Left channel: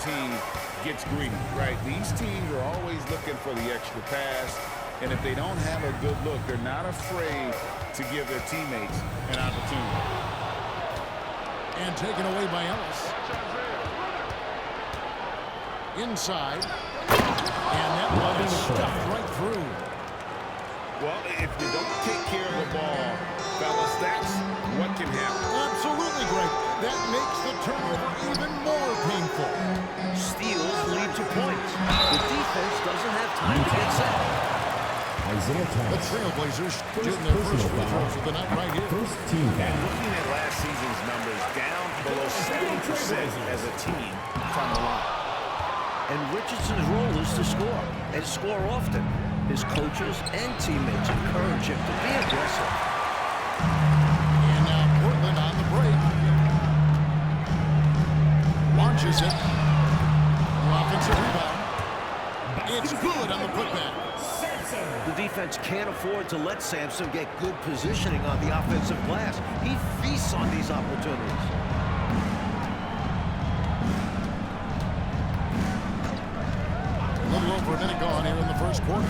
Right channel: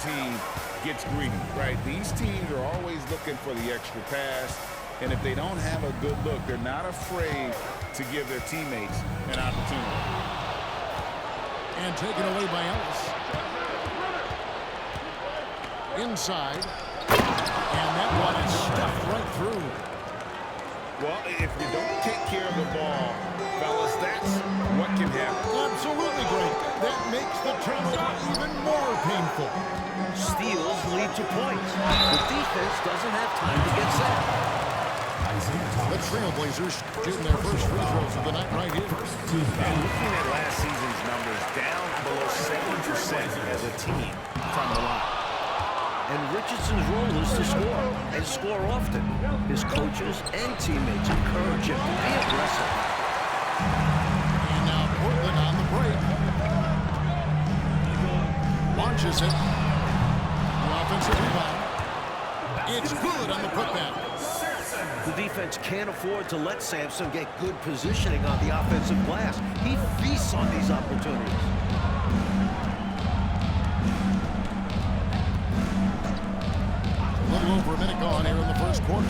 team gets greedy, right? These teams are always looking for the extra pass, and if they don't have a good look, they're not afraid to give their teammates an opportunity. And taken away by Ellis. Inside. And that one is stuffed right through. Well, if you don't take care of the ball, fellas, that's what can happen. Absolutely, Greg. That makes the turnover even more painful. Steals lead to points. The defense doesn't have time to get set. The Trailblazers getting their first free throws of the night right here. And looking at last season's numbers, down below 70% as a team from the line. And Richardson's role is to score, and score often. His coaches and teammates encourage him to be aggressive. And now Portland on the break. Launches it. The offensive rebound. It's good on the putback. The defense can't afford to let Sampson get good positioning on the offensive glass. He feasts on these opportunities. A little over a minute gone here in the first quarter.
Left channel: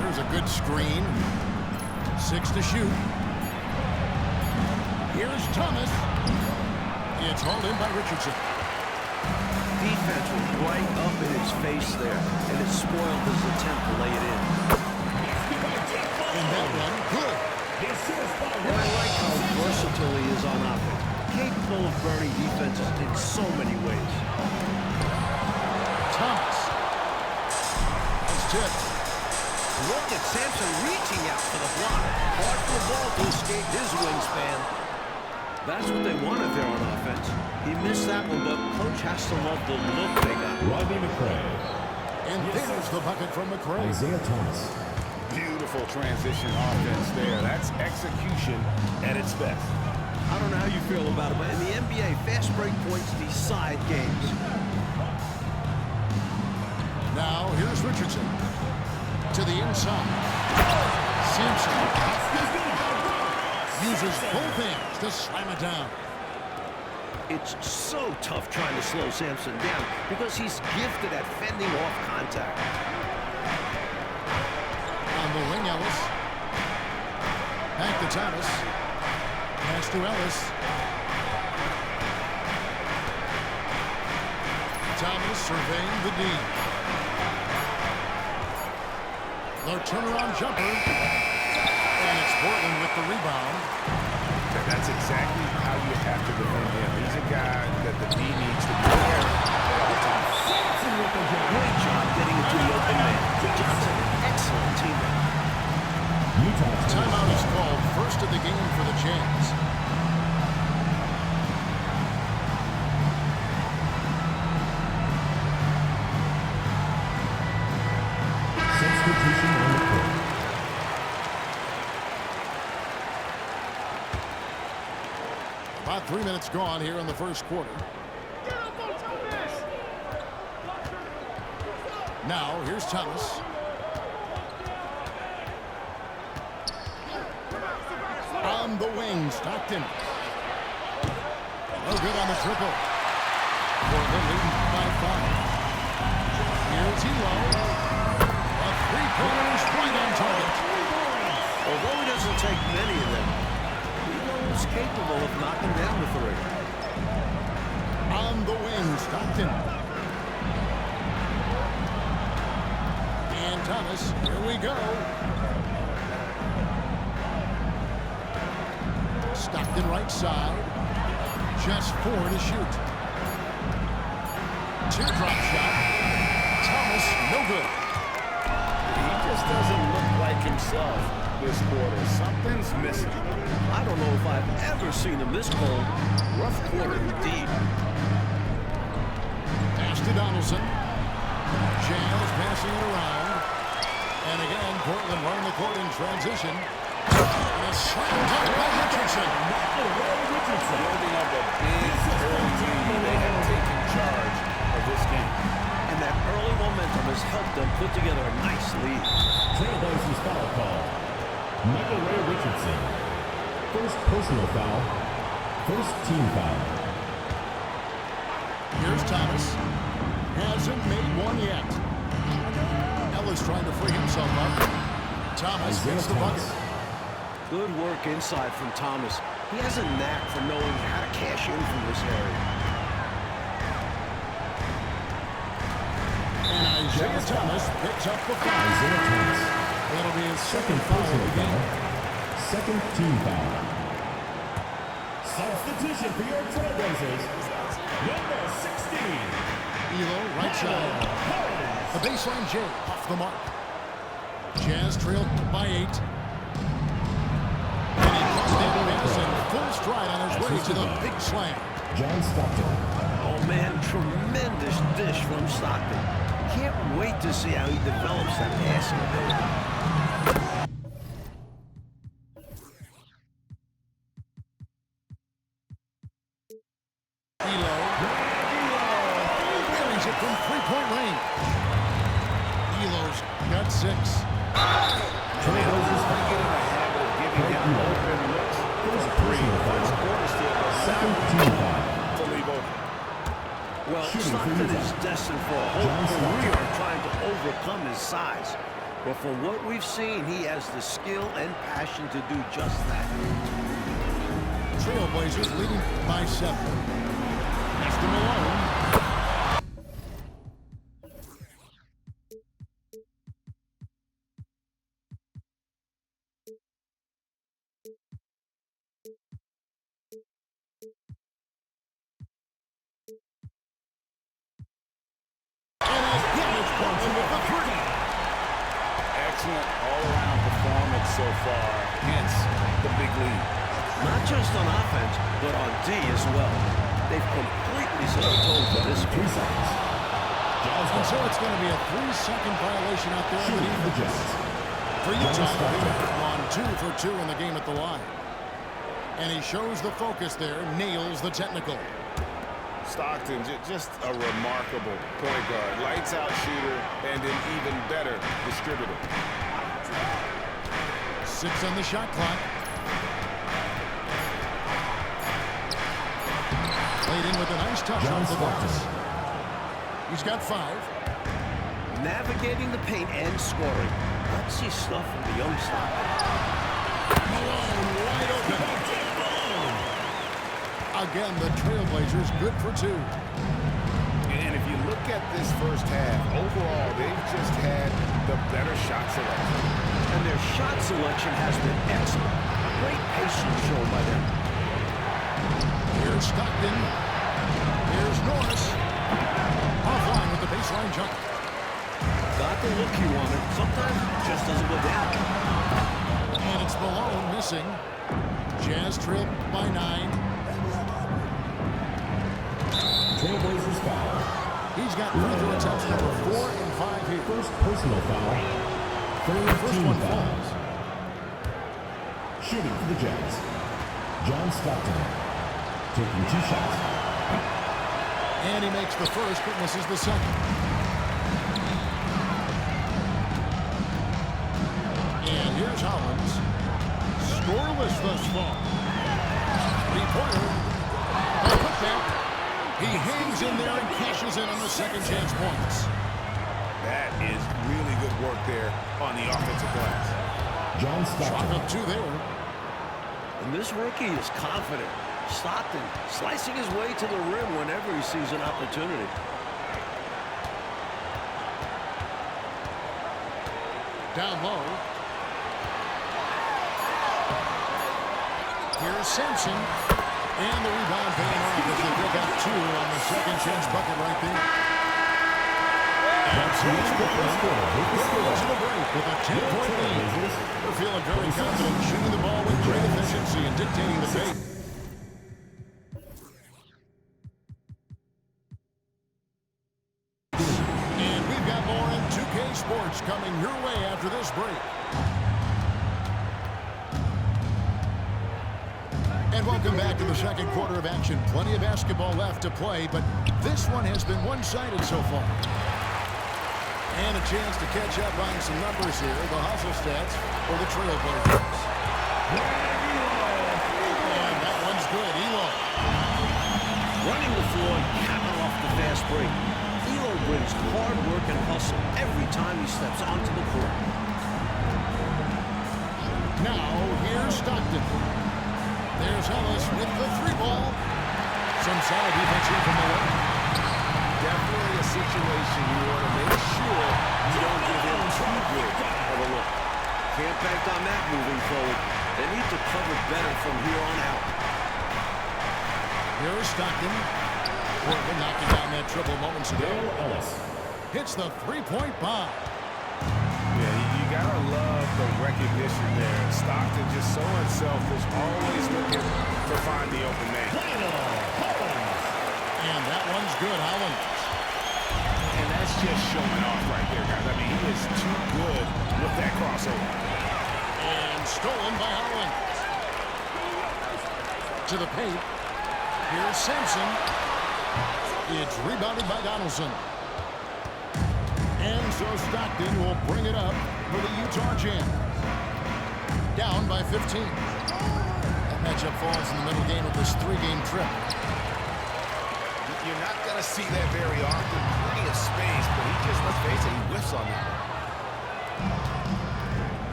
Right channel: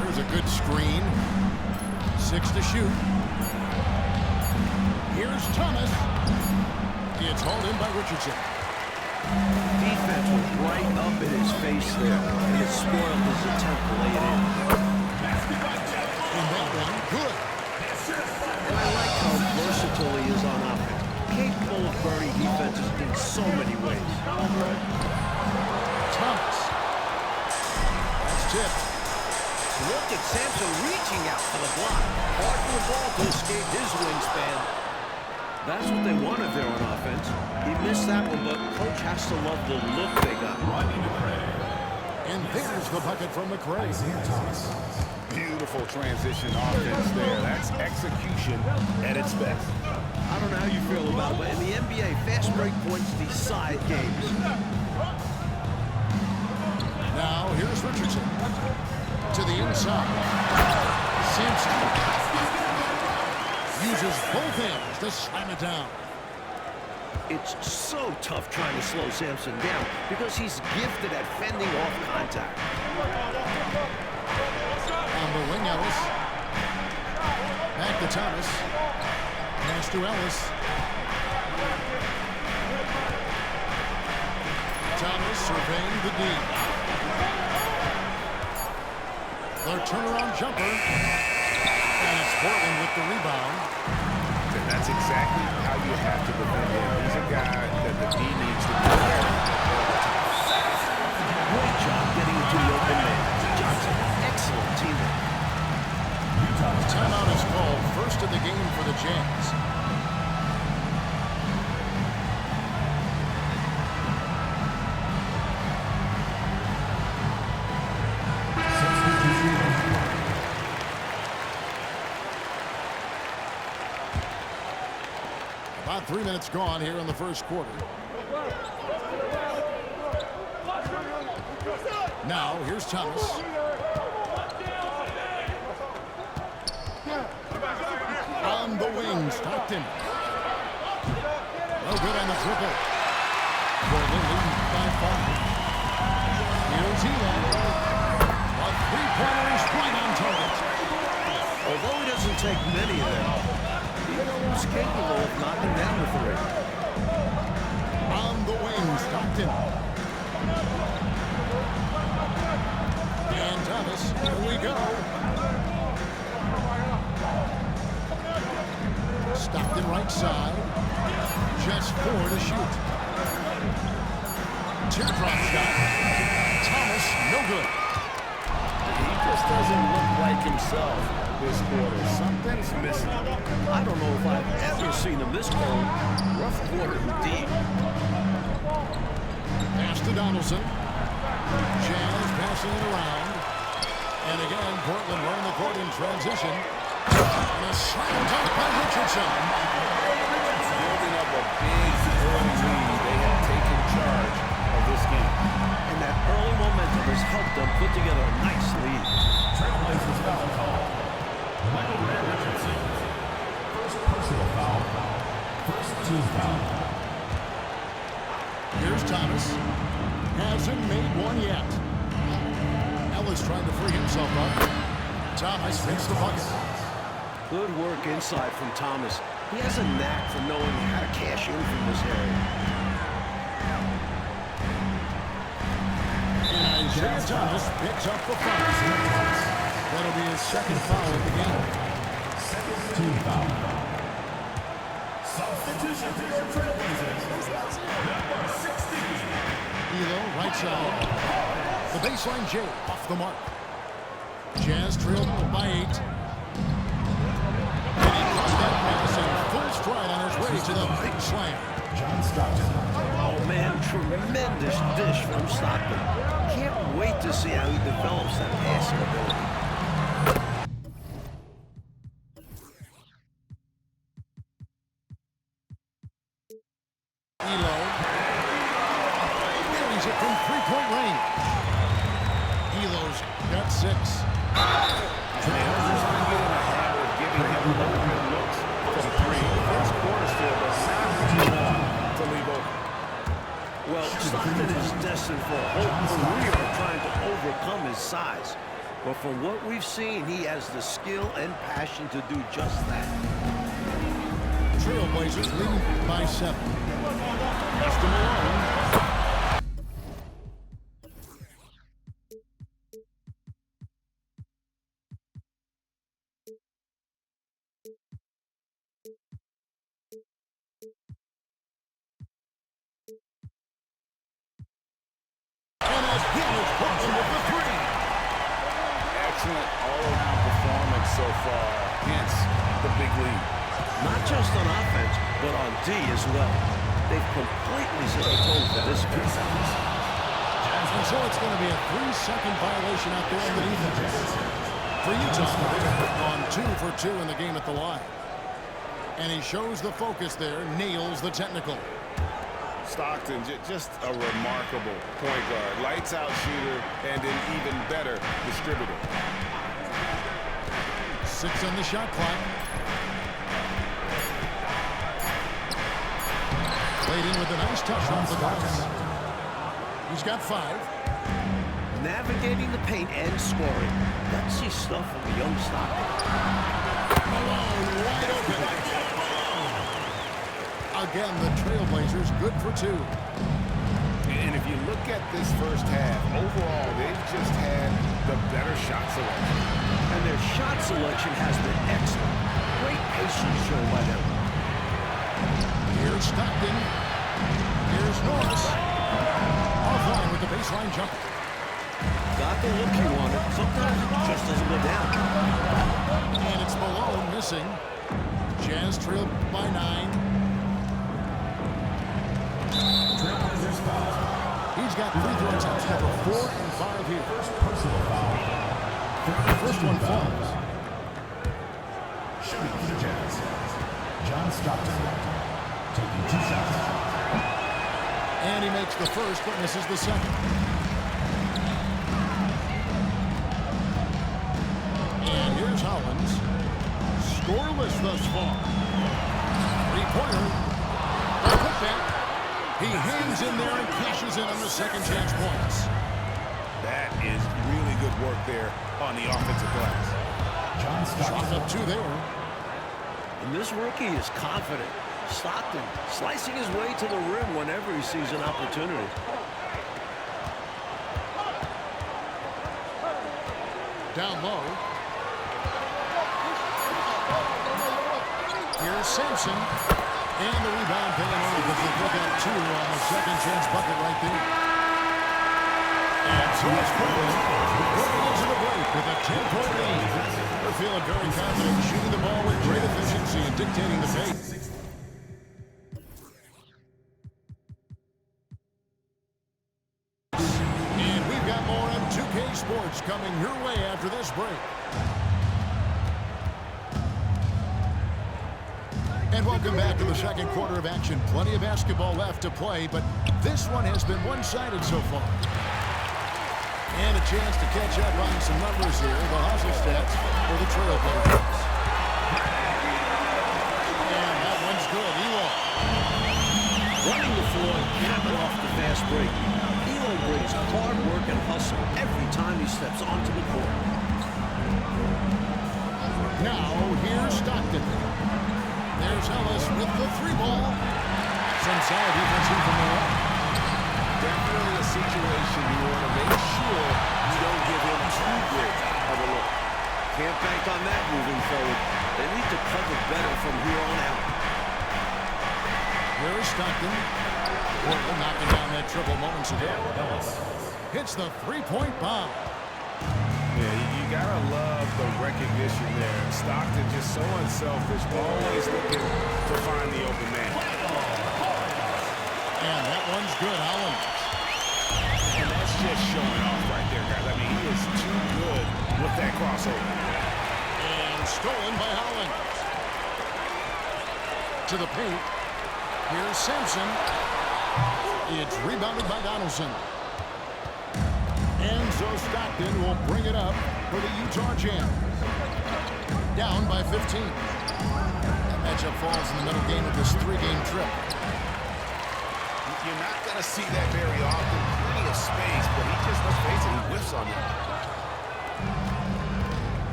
There's a good screen. 6 to shoot. Here's Thomas. It's hauled in by Richardson. Defense was right up in his face there, and it spoiled his attempt to lay it in. And that one, good. And I like how versatile he is on offense. Capable of burning defenses in so many ways. Thomas. That's tipped. Look at Sampson reaching out for the block. Hard for the ball to escape his wingspan. That's what they wanted there on offense. He missed that one, but coach has to love the look they got. And there's the bucket from McCray. Isaiah Thomas. Beautiful transition offense there. That's execution at its best. I don't know how you feel about it, but in the NBA, fast break points decide games. Now, here's Richardson. To the inside. Sampson uses both hands to slam it down. It's so tough trying to slow Sampson down because he's gifted at fending off contact. On the wing, Ellis. Back to Thomas. Pass to Ellis. Thomas surveying the D. The turnaround jumper. And it's Portland with the rebound. That's exactly how you have to defend him. He's a guy that the D needs to be aware of at all times. Great job getting into the open man. Johnson, an excellent teammate. Timeout is called, first of the game for the Jazz. Substitution on the court. About 3 minutes gone here in the first quarter. Now, here's Thomas. On the wing, Stockton. No good on the triple. Portland leading by 5. Here's Hilo. A three-pointer is right on target. Although he doesn't take many of them, he knows capable of knocking down the three. On the wing, Stockton. And Thomas, here we go. Stockton right side. Just 4 to shoot. Teardrop shot. Thomas, no good. He just doesn't look like himself this quarter. Something's missing. I don't know if I've ever seen him this cold. Rough quarter indeed. Pass to Donaldson. Jazz passing it around. And again, Portland running the court in transition. And a slam dunk by Richardson. Building up a big early lead. They have taken charge of this game. And that early momentum has helped them put together a nice lead. Trailblazers foul call. Michael Ray Richardson. First personal foul. First team foul. Here's Thomas. Hasn't made one yet. Ellis trying to free himself up. Thomas hits the bucket. Good work inside from Thomas. He has a knack for knowing how to cash in from this area. And Isaiah Thomas picks up the foul. Isaiah Thomas. That'll be his second foul of the game. Second team foul. Substitution for your Trailblazers. Number 16. Elo, right side. The baseline J off the mark. Jazz trailed by 8. And he caught that pass in full stride on his way to the big slam. John Stockton. Oh, man, tremendous dish from Stockton. Can't wait to see how he develops that passing ability. Elo buries it from three-point range. Elo's got 6. And they always get in a habit of giving him open looks from 3. First quarter still, but not to leave open. Well, Stockton is destined for a whole career of trying to overcome his size. But from what we've seen, he has the skill and passion to do just that. Trailblazers leading by 7. Pass to Malone. And again, it's Portland with the 3. Excellent all-around performance so far, hence the big lead. Not just on offense, but on D as well. They've completely set the tone for this 3 game. seconds. And so it's going to be a 3-second violation out there underneath the Jazz. For Utah, they've gone 2 for 2 in the game at the line. And he shows the focus there, nails the technical. Stockton, just a remarkable point guard. Lights out shooter and an even better distributor. 6 on the shot clock. Played in with a nice touch off the glass. He's got 5. Navigating the paint and scoring. Let's see stuff from the young Stockton. Malone wide open. Again, the Trailblazers good for 2. And if you look at this first half, overall, they've just had the better shot selection. And their shot selection has been excellent. Great patience shown by them. Here's Stockton. Here's Norris. Offline with the baseline jumper. Got the look he wanted. Sometimes it just doesn't go down. And it's Malone missing. Jazz trailed by 9. Trailblazers foul. He's got free throw attempts number 4 and 5 here. First personal foul. The first one foul. falls. Shooting for the Jazz. John Stockton. Taking 2 shots. And he makes the first but misses the second. And here's Hollins. Scoreless thus far. 3-pointer. A putback. He hangs in there and cashes in on the second chance points. That is really good work there on the offensive glass. John Stockton. Chalk up 2 there. And this rookie is confident. Stockton slicing his way to the rim whenever he sees an opportunity. Down low. Here's Sampson. And the rebound paying off as they pick up 2 on the second chance bucket right there. And so it's Portland going into the break with a 10-point lead. They're feeling very confident, shooting the ball with great efficiency and dictating the pace. And we've got more M2K Sports coming your way after this break. And welcome back to the second quarter of action. Plenty of basketball left to play, but this one has been one-sided so far. And a chance to catch up on some numbers here. The hustle stats for the Trailblazers. And that one's good. Elo. running the floor and capping off the fast break. Elo brings hard work and hustle every time he steps onto the court. Now, here's Stockton. There's Ellis with the three ball. Some solid defense here from Malone. Definitely a situation you want to make sure you don't give him too good of a look. Can't bank on that moving forward. They need to cover better from here on out. Here is Stockton. Portland knocking down that triple moments ago. Ellis. Hits the three-point bomb. Yeah, you gotta love the recognition there. Stockton just so unselfish, always looking to find the open man. And that one's good, Holland. And that's just showing off right there, guys. I mean, he is too good with that crossover. And stolen by Holland. To the paint. Here's Sampson. It's rebounded by Donaldson. And so Stockton will bring it up for the Utah Jazz. Down by 15. That matchup falls in the middle game of this three-game trip. You're not going to see that very often. Plenty of space, but he just, let's face it, he whiffs on that.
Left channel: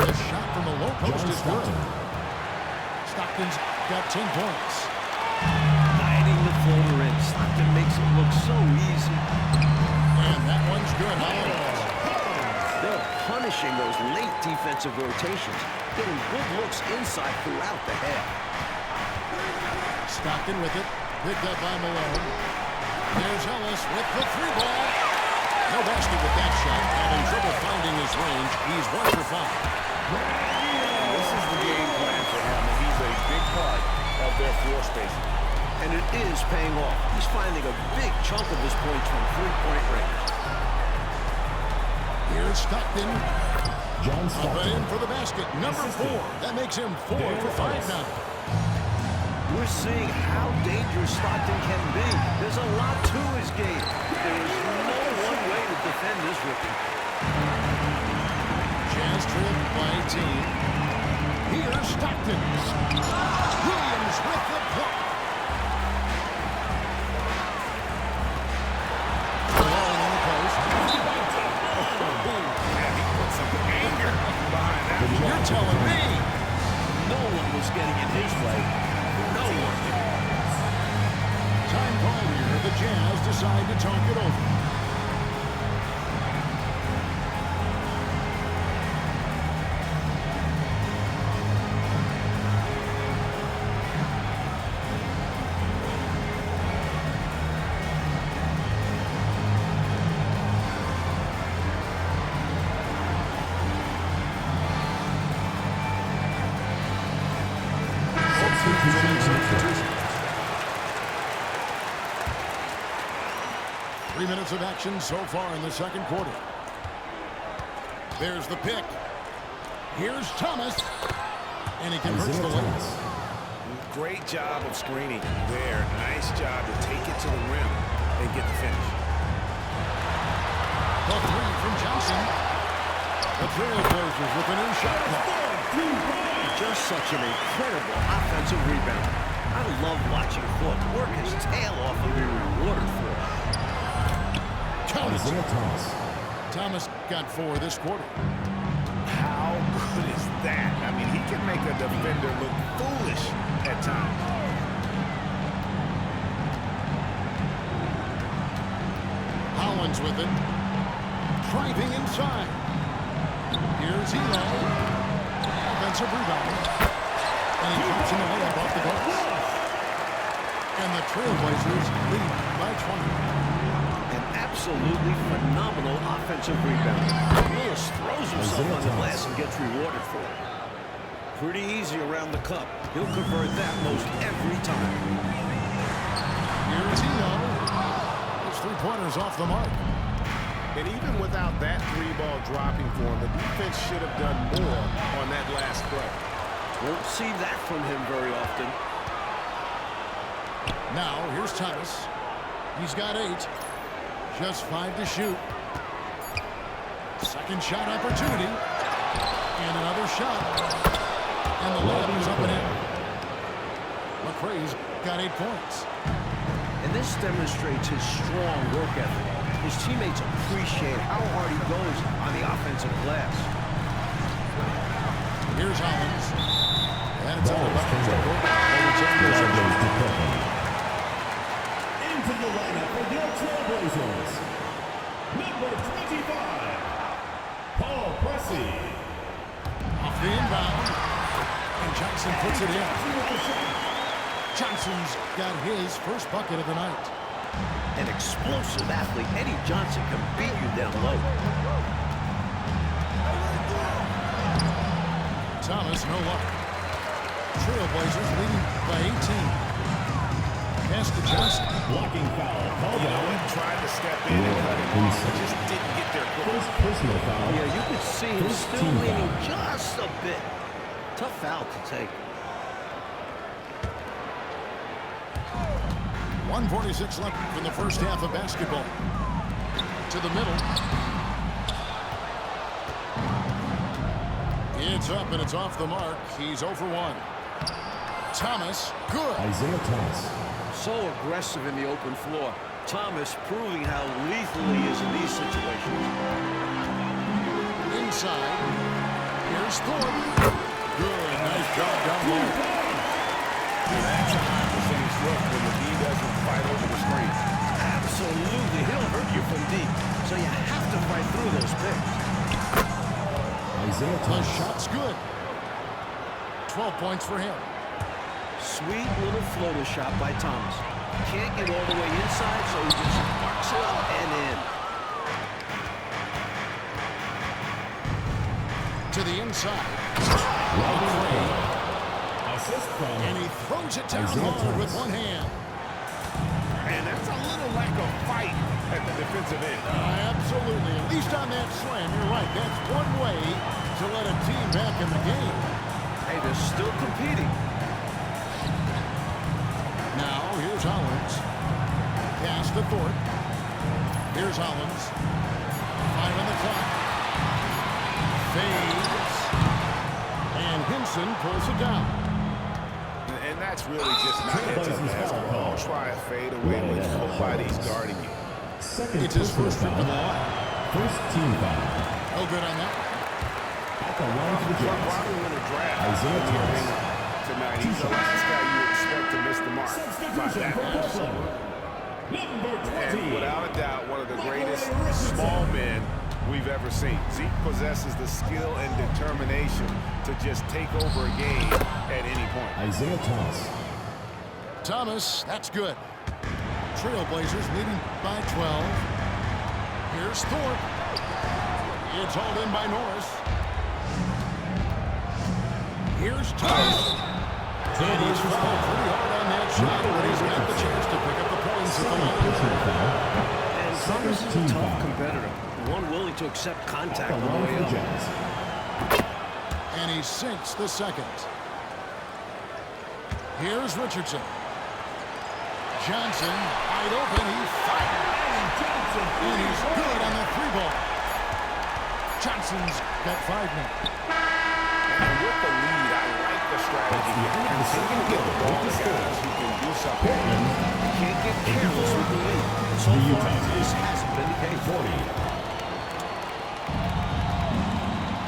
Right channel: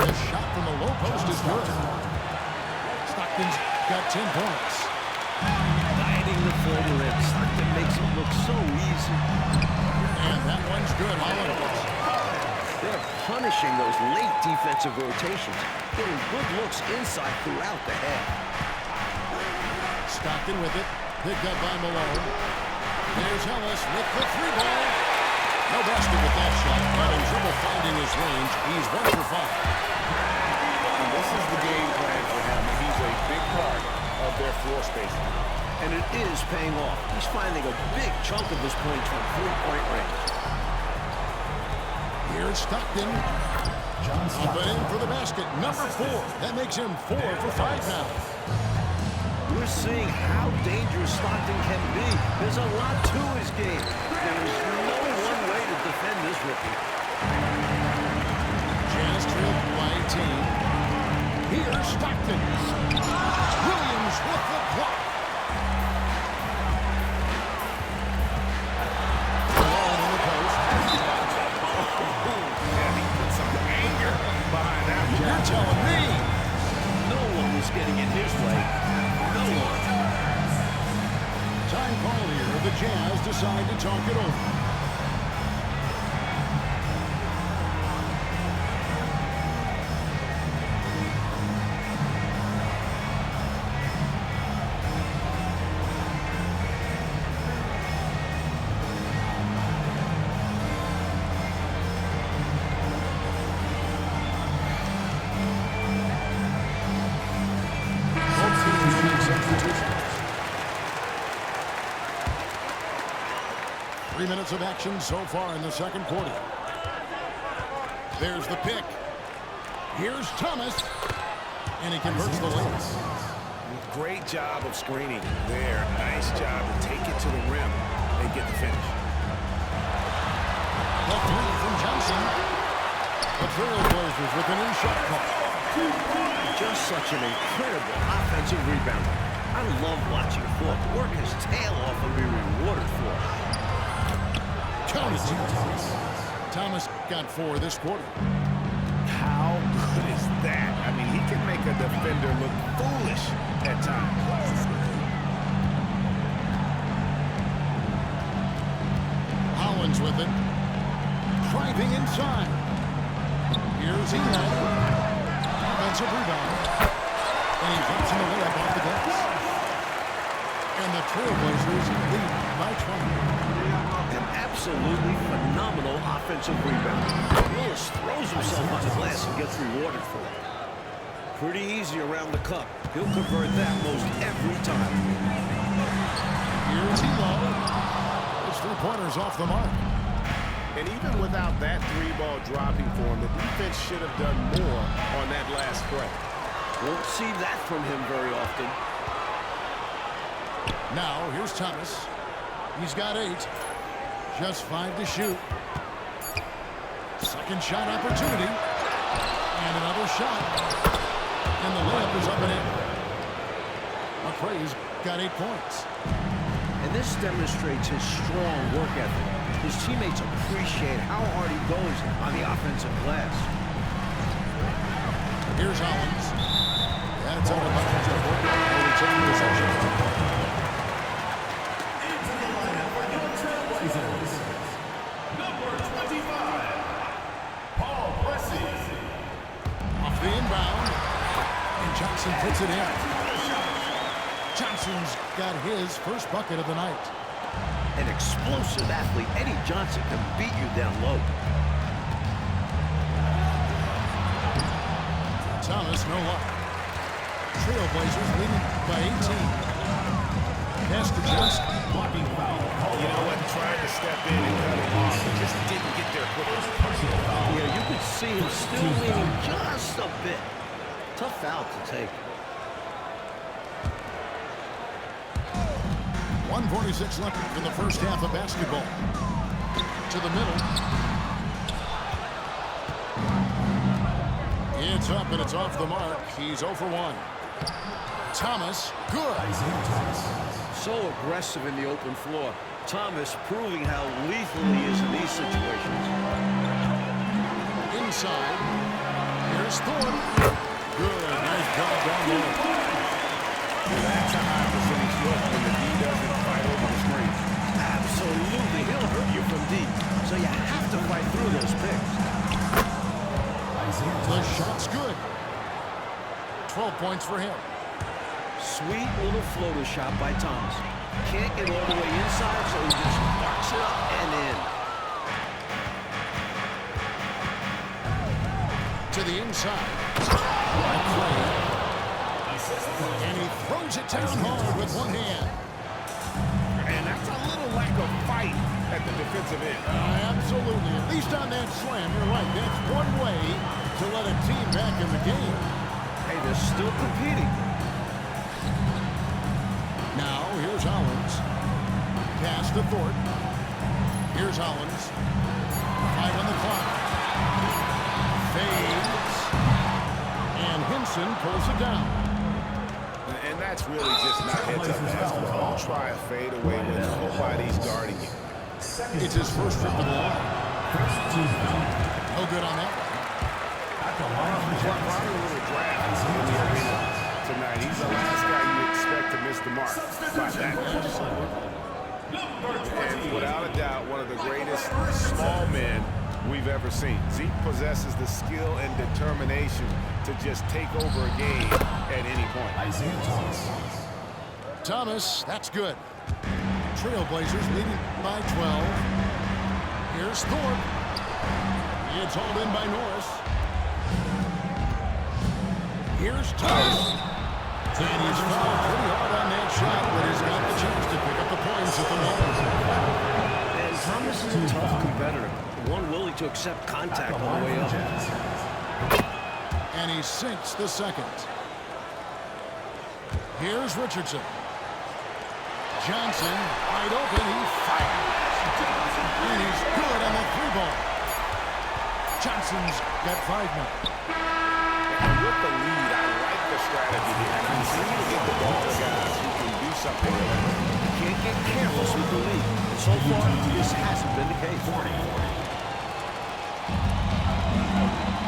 The shot from the low post is good. Stockton's got 10 points. Guiding the floater in. Stockton makes it look so easy. And that one's good, Holland. They're punishing those late defensive rotations, getting good looks inside throughout the half. Stockton with it. Picked up by Malone. There's Ellis with the three ball. No basket with that shot. Having trouble finding his range. He's 1 for 5. And this is the game plan for him, and he's a big part of their floor spacing. And it is paying off. He's finding a big chunk of his points from three-point range. Here's Stockton. John Up Stockton. and in for the basket. Number 4. That makes him 4 for 5 now. We're seeing how dangerous Stockton can be. There's a lot to his game. There is no one way to defend this rookie. Jazz trailed by 18. Here's Stockton. Williams with the block. Malone in the post. Yeah, he put some anger behind that one. You're telling me. No one was getting in his way. No one. Time call here. The Jazz decide to talk it over. Both teams will make substitutions. 3 minutes of action so far in the second quarter. There's the pick. Here's Thomas. And he converts the layup. Great job of screening there. Nice job to take it to the rim and get the finish. The three from Johnson. The Trailblazers with a new shot clock. Just such an incredible offensive rebounder. I love watching Thorpe work his tail off and be rewarded for it. Counted. Isaiah Thomas. Thomas got 4 this quarter. How good is that? I mean, he can make a defender look foolish at times. Hollins with it. Driving inside. Here's Elo. Offensive rebound. And he drops in the layup off the glass. And the Trailblazers lead by 20. An absolutely phenomenal offensive rebounder. Willis throws himself on the glass and gets rewarded for it. Pretty easy around the cup. He'll convert that most every time. Here's Elo. His three-pointer's off the mark. And even without that three-ball dropping for him, the defense should have done more on that last play. Won't see that from him very often. Now, here's Thomas. He's got 8. Just 5 to shoot. Second shot opportunity. And another shot. And the layup is up and in. McRae's got 8 points. And this demonstrates his strong work ethic. His teammates appreciate how hard he goes on the offensive glass. Here's Hollins. And it's out of bounds. They'll return possession. Into the lineup for your Trailblazers, number 25, Paul Pressey. Off the inbound. And Johnson puts it in. Johnson's got his first bucket of the night. An explosive athlete, Eddie Johnson can beat you down low. Thomas, no luck. Trailblazers leading by 18. Pass to Johnson. Blocking foul. You know what? Tried to step in and cut him off, but just didn't get there quickly. First personal foul. Yeah, you could see him still leaning just a bit. Tough foul to take. 1:46 left in the first half of basketball. To the middle. It's up and it's off the mark. He's 0 for 1. Thomas, good. Isaiah Thomas. So aggressive in the open floor. Thomas proving how lethal he is in these situations. Inside. Here's Thorpe. Good. Nice job down low. That's a high percentage look when the D doesn't fight over the screen. Absolutely. He'll hurt you from deep. So you have to fight through those picks. Isaiah The Thomas. shot's good. 12 points for him. Sweet little floater shot by Thomas. Can't get all the way inside, so he just sparks it up and in. To the inside. McRae. And he throws it down hard with one hand. And that's a little lack of fight at the defensive end. Absolutely. At least on that slam, you're right. That's one way to let a team back in the game. Hey, they're still competing. Now, here's Hollins. Pass to Thorpe. Here's Hollins. 5 on the clock. Fades. And Hinson pulls it down. And that's really just not heads-up basketball. Don't try a fade away when nobody's guarding you. It's his first trip to the line. First team foul. No good on that one. At the line for the Jazz. Probably a little draft in the arena tonight. He's the last guy you expect to miss the mark by that much. And without a doubt, one of the greatest small men we've ever seen. Zeke possesses the skill and determination to just take over a game at any point. Isaiah Thomas. Thomas, that's good. Trailblazers leading by 12. Here's Thorpe. It's hauled in by Norris. Here's Thomas. And he's fouled pretty hard on that shot, but he's got the chance to pick up the points at the line. And Thomas is a tough competitor, one willing to accept contact on the way up. And he sinks the second. Here's Richardson. Johnson, wide open, he fires. And he's good on the 3-ball. Johnson's got 5 now. And with the lead, I like the strategy here. Continue to get the ball to guys who can do something. You can't get careless with the lead. And so far, this hasn't been the case.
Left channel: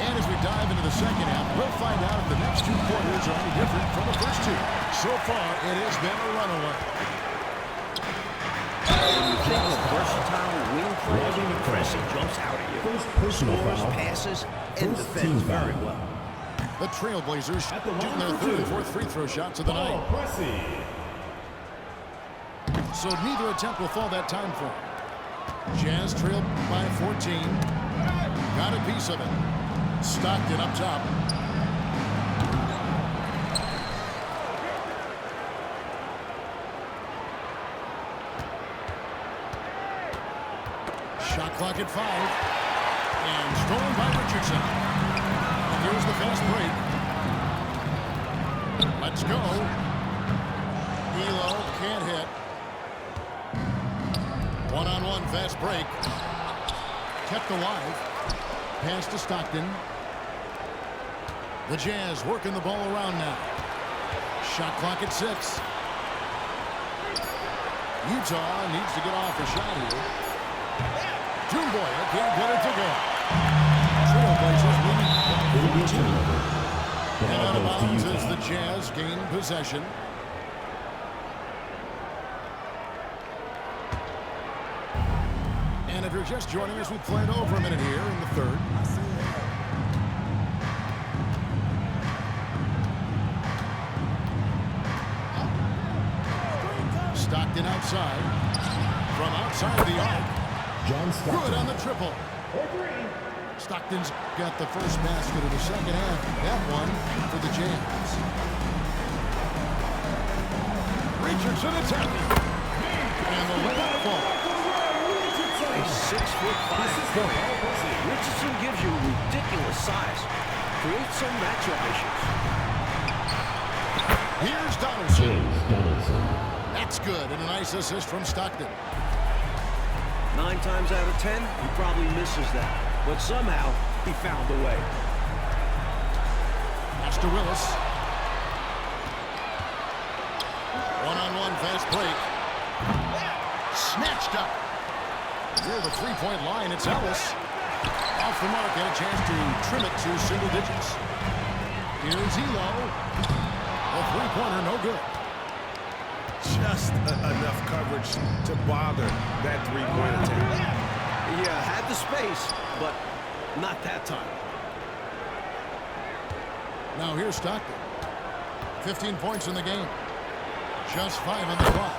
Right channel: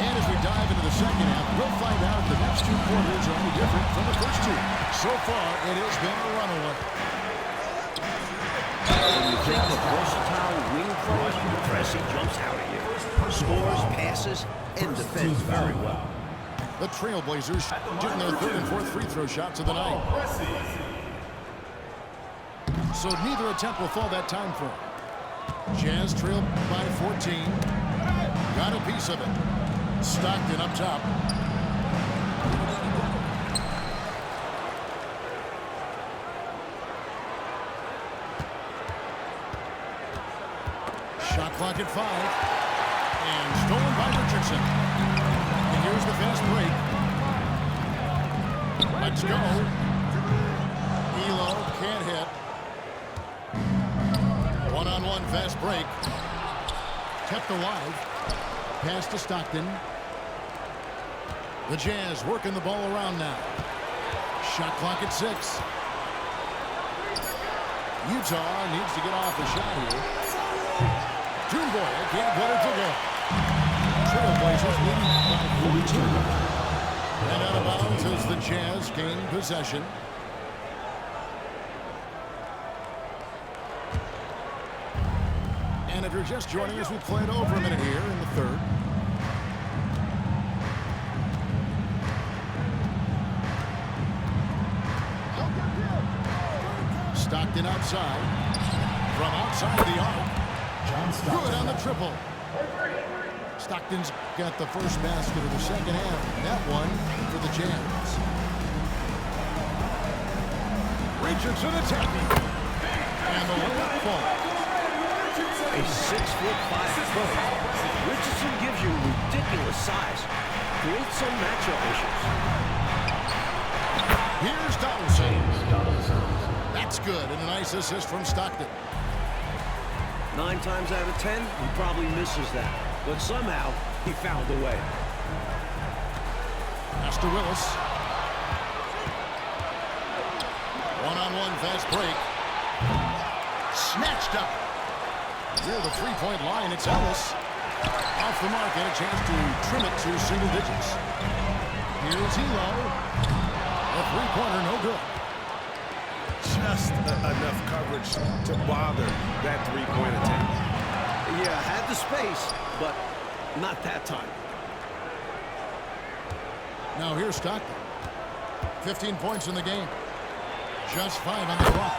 And as we dive into the second half, we'll find out if the next 2 quarters are any different from the first 2. So far, it has been a runaway. When you think of versatile wing players, Pressey jumps out at you. Scores, passes, and defends very well. The Trailblazers shooting their 3rd and 4th free throw shots of the night. So neither attempt will fall that time for him. Jazz trail by 14. Got a piece of it. Stockton up top. Shot clock at 5. And stolen by Richardson. And here's the fast break. Let's go. Elo can't hit. One-on-one fast break. Kept alive. Pass to Stockton. The Jazz working the ball around now. Shot clock at 6. Utah needs to get off a shot here. Toomboya can't get it to go. Trailblazers leading by 14. And out of bounds as the Jazz gain possession. And if you're just joining us, we played over a minute here in the third. Stockton outside. From outside the arc. Good on the triple. Stockton's got the first basket of the second half. That one for the Jazz. Richardson attacking. And the layup falls. A 6'5" point. Richardson gives you ridiculous size. Creates some matchup issues. Here's Donaldson. That's good, and a nice assist from Stockton. 9 times out of 10, he probably misses that. But somehow, he found a way. Pass to Willis. One-on-one fast break. Snatched up. Near the three-point line, it's Ellis. Off the mark, had a chance to trim it to single digits. Here's Elo. The three-pointer, no good. Just enough coverage to bother that three-point attempt. Yeah, had the space, but not that time. Now here's Stockton. 15 points in the game. Just 5 on the clock.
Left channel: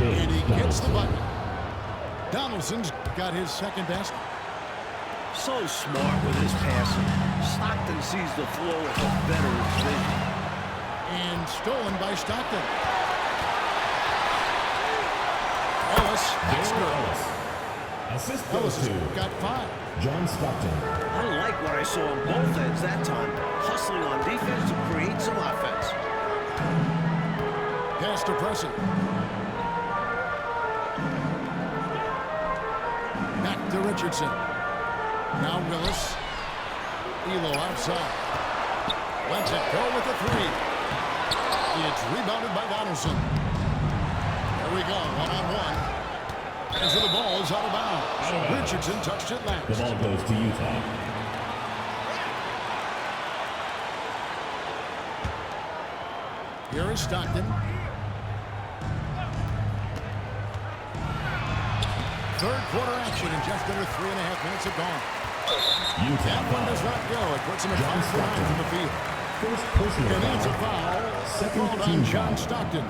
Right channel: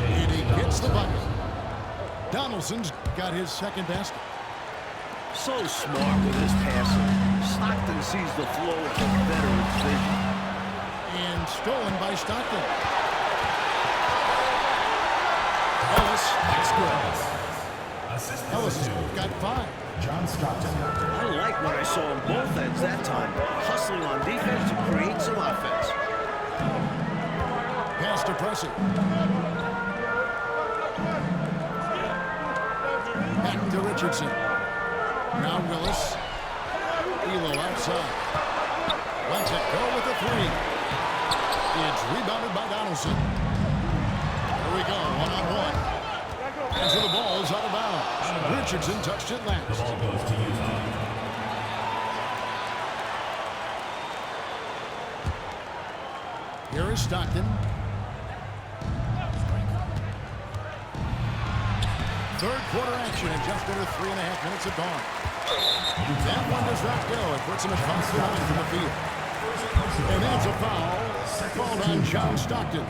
And he gets the bucket. Donaldson's got his second basket. So smart with his passing. Stockton sees the flow with a veteran's vision. And stolen by Stockton. Ellis, that's good. Ellis has got 5. John Stockton. I like what I saw on both ends that time. Hustling on defense to create some offense. Pass to Pressey. Back to Richardson. Now Willis. Elo outside. Lets it go with a 3. It's rebounded by Donaldson. There we go, one-on-one. And so the ball is out of bounds. Richardson touched it last. The ball goes to Utah. Here is Stockton. Third quarter action and just under 3.5 minutes have gone. That one does not go. It puts him at 5 for 9 from the field. And that's a foul called on John Stockton.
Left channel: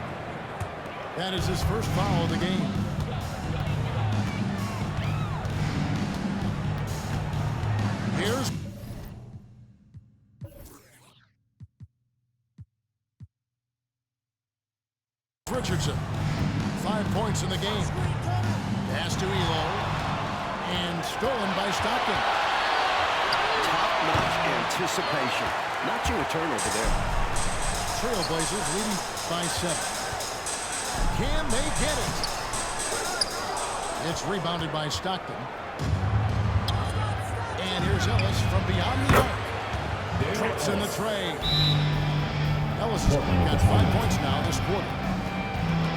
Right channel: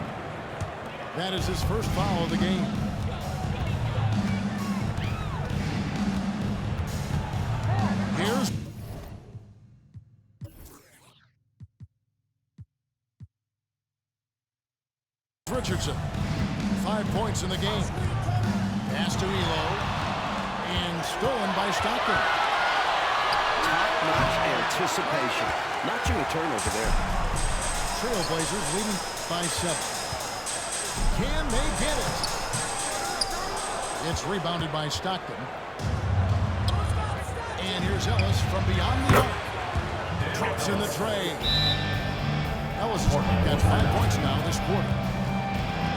That is his first foul of the game. Here's Richardson. 5 points in the game. Pass to Elo. And stolen by Stockton. Top-notch anticipation. Notching a turnover there. Trailblazers leading by 7. Can they get it? It's rebounded by Stockton. And here's Ellis from beyond the arc. Drops in the tray. Ellis has got 5 points now this quarter.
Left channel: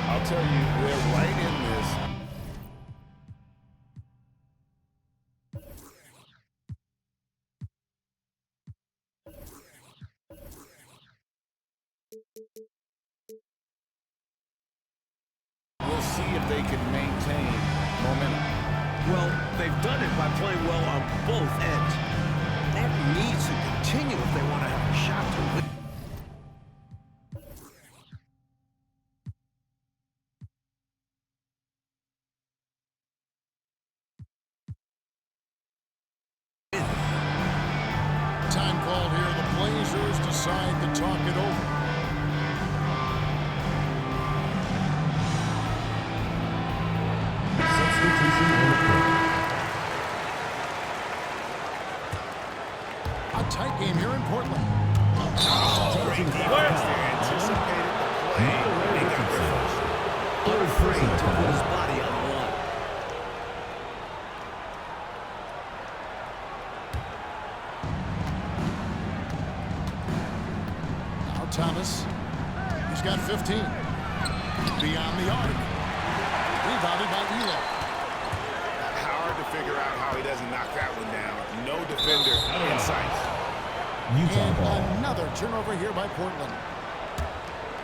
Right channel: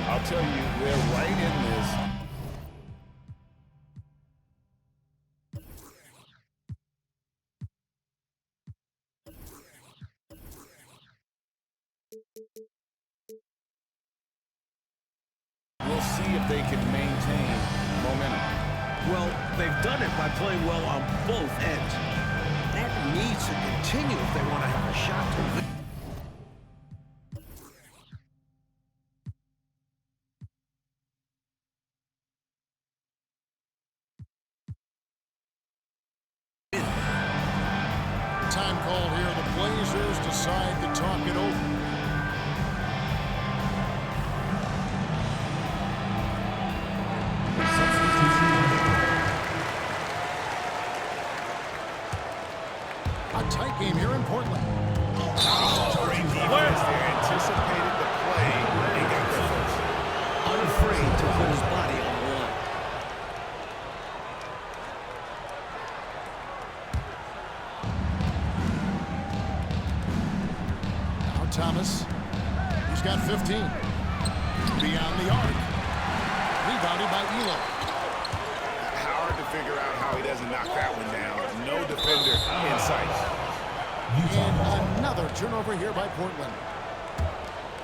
I'll tell you, they're right in this. We'll see if they can maintain momentum. Well, they've done it by playing well on both ends. That needs to continue if they want to have a shot to win. Time called here. The Blazers decide to talk it over. Substitution on the court. A tight game here in Portland. Great defense there. Anticipated the play and got there first. Unafraid to put his body on the line. Now Thomas. He's got 15. Beyond the arc. Rebounded by Elo. Hard to figure out how he doesn't knock that one down. No defender in sight. And another turnover here by Portland.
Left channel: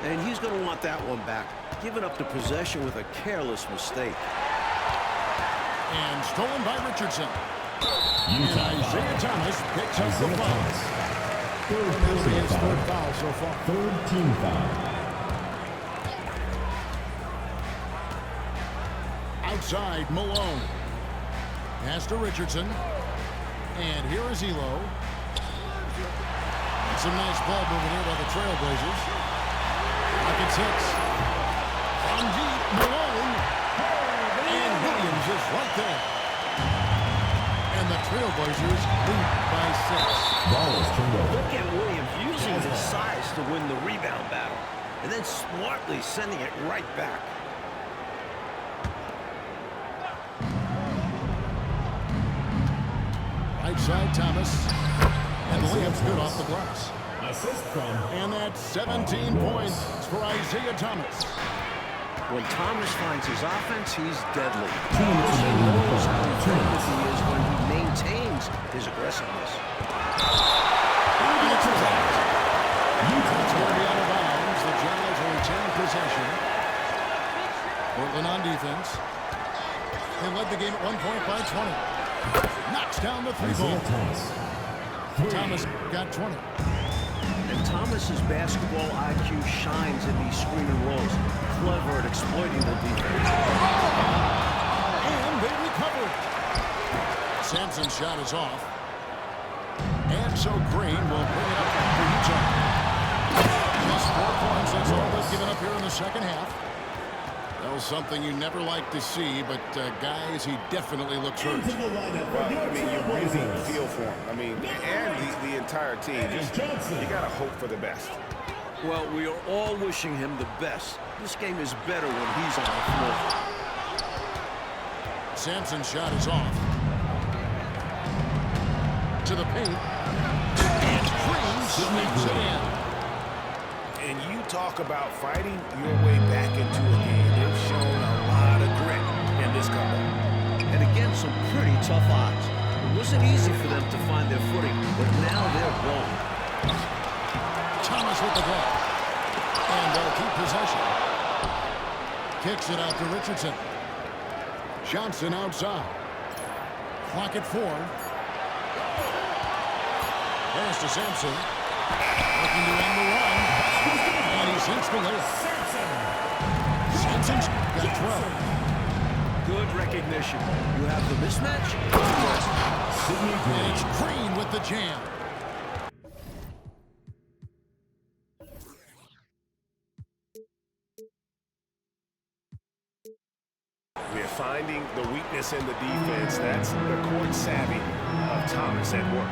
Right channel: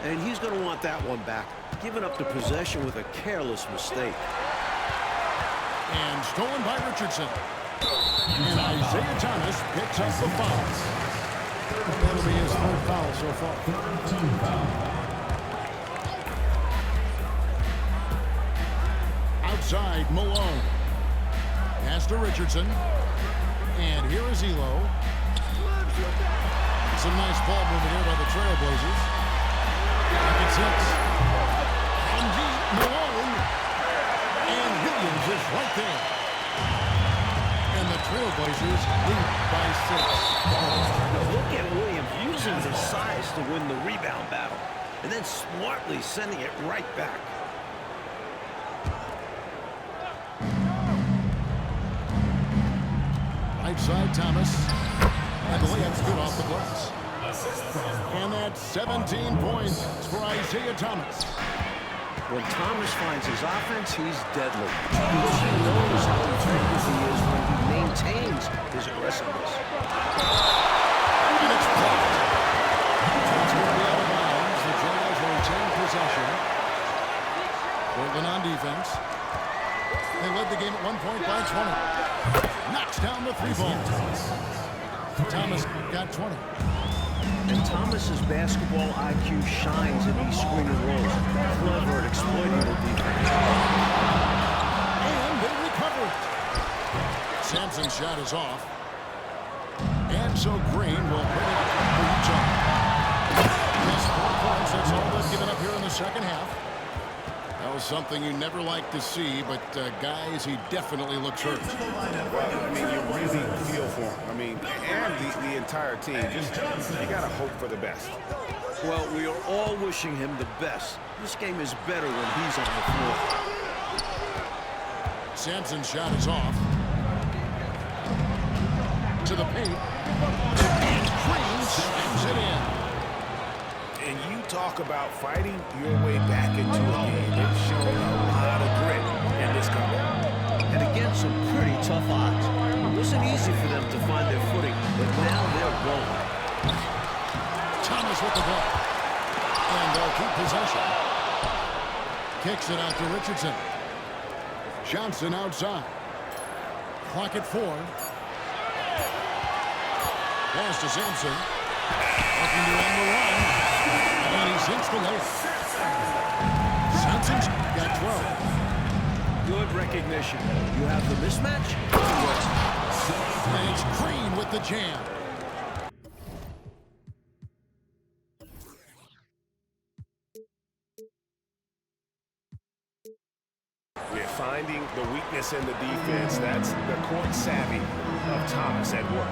And he's going to want that one back. Giving up the possession with a careless mistake. And stolen by Richardson. And Isaiah Thomas picks up the foul. And that'll be his third foul so far. Third team foul. Outside, Malone. Pass to Richardson. And here is Elo. Some nice ball movement here by the Trailblazers. Rockets hits. From deep, Malone. And Williams is right there. And the Trailblazers lead by 6. Look at Williams using his size to win the rebound battle. And then smartly sending it right back. Right side, Thomas. And the layup's good off the glass. And that's 17 points for Isaiah Thomas. When Thomas finds his offense, he's deadly. Because he knows how effective he is when he maintains his aggressiveness. And it's blocked. It's going to be out of bounds. The Jazz will retain possession. Portland on defense. They led the game at 1 point by 20. Knocks down the three ball. Thomas got 20. And Thomas's basketball IQ shines in these screen and rolls. Clever at exploiting the defense. And they recovered. Sampson's shot is off. And so Green will bring it up for Utah. Just 4 points. That's all they've given up here in the second half. Well, something you never like to see, but guys, he definitely looks hurt. Well, I mean, you really feel for him. I mean, and the entire team. Just, you got to hope for the best. Well, we are all wishing him the best. This game is better when he's on the floor. Sampson's shot is off. To the paint. And Green slams it in. And you talk about fighting your way back into a game. They've shown a lot of grit in this comeback. And against some pretty tough odds. It wasn't easy for them to find their footing, but now they're rolling. Thomas with the ball. And they'll keep possession. Kicks it out to Richardson. Johnson outside. Clock at 4. Pass to Sampson. Looking to end the run. And he sinks the layup. Sampson's got 12. Good recognition. You have the mismatch. And it's Green with the jam. We're finding the weakness in the defense. That's the court savvy of Thomas at work.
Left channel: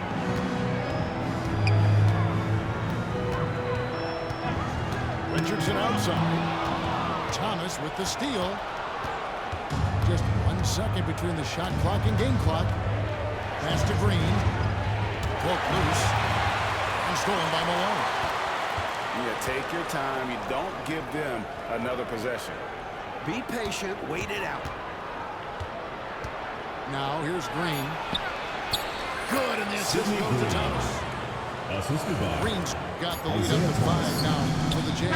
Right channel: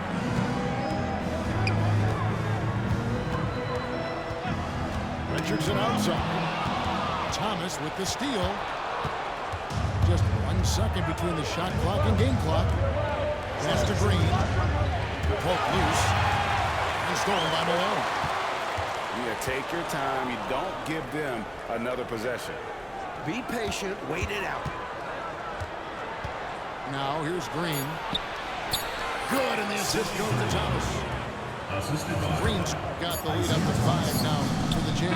Richardson outside. Thomas with the steal. Just 1 second between the shot clock and game clock. Pass to Green. Poke loose. And stolen by Malone. Yeah, take your time. You don't give them another possession. Be patient. Wait it out. Now here's Green. Good, and the assist goes to Thomas. Assisted by Green's got the lead up to 5 now for the Jazz.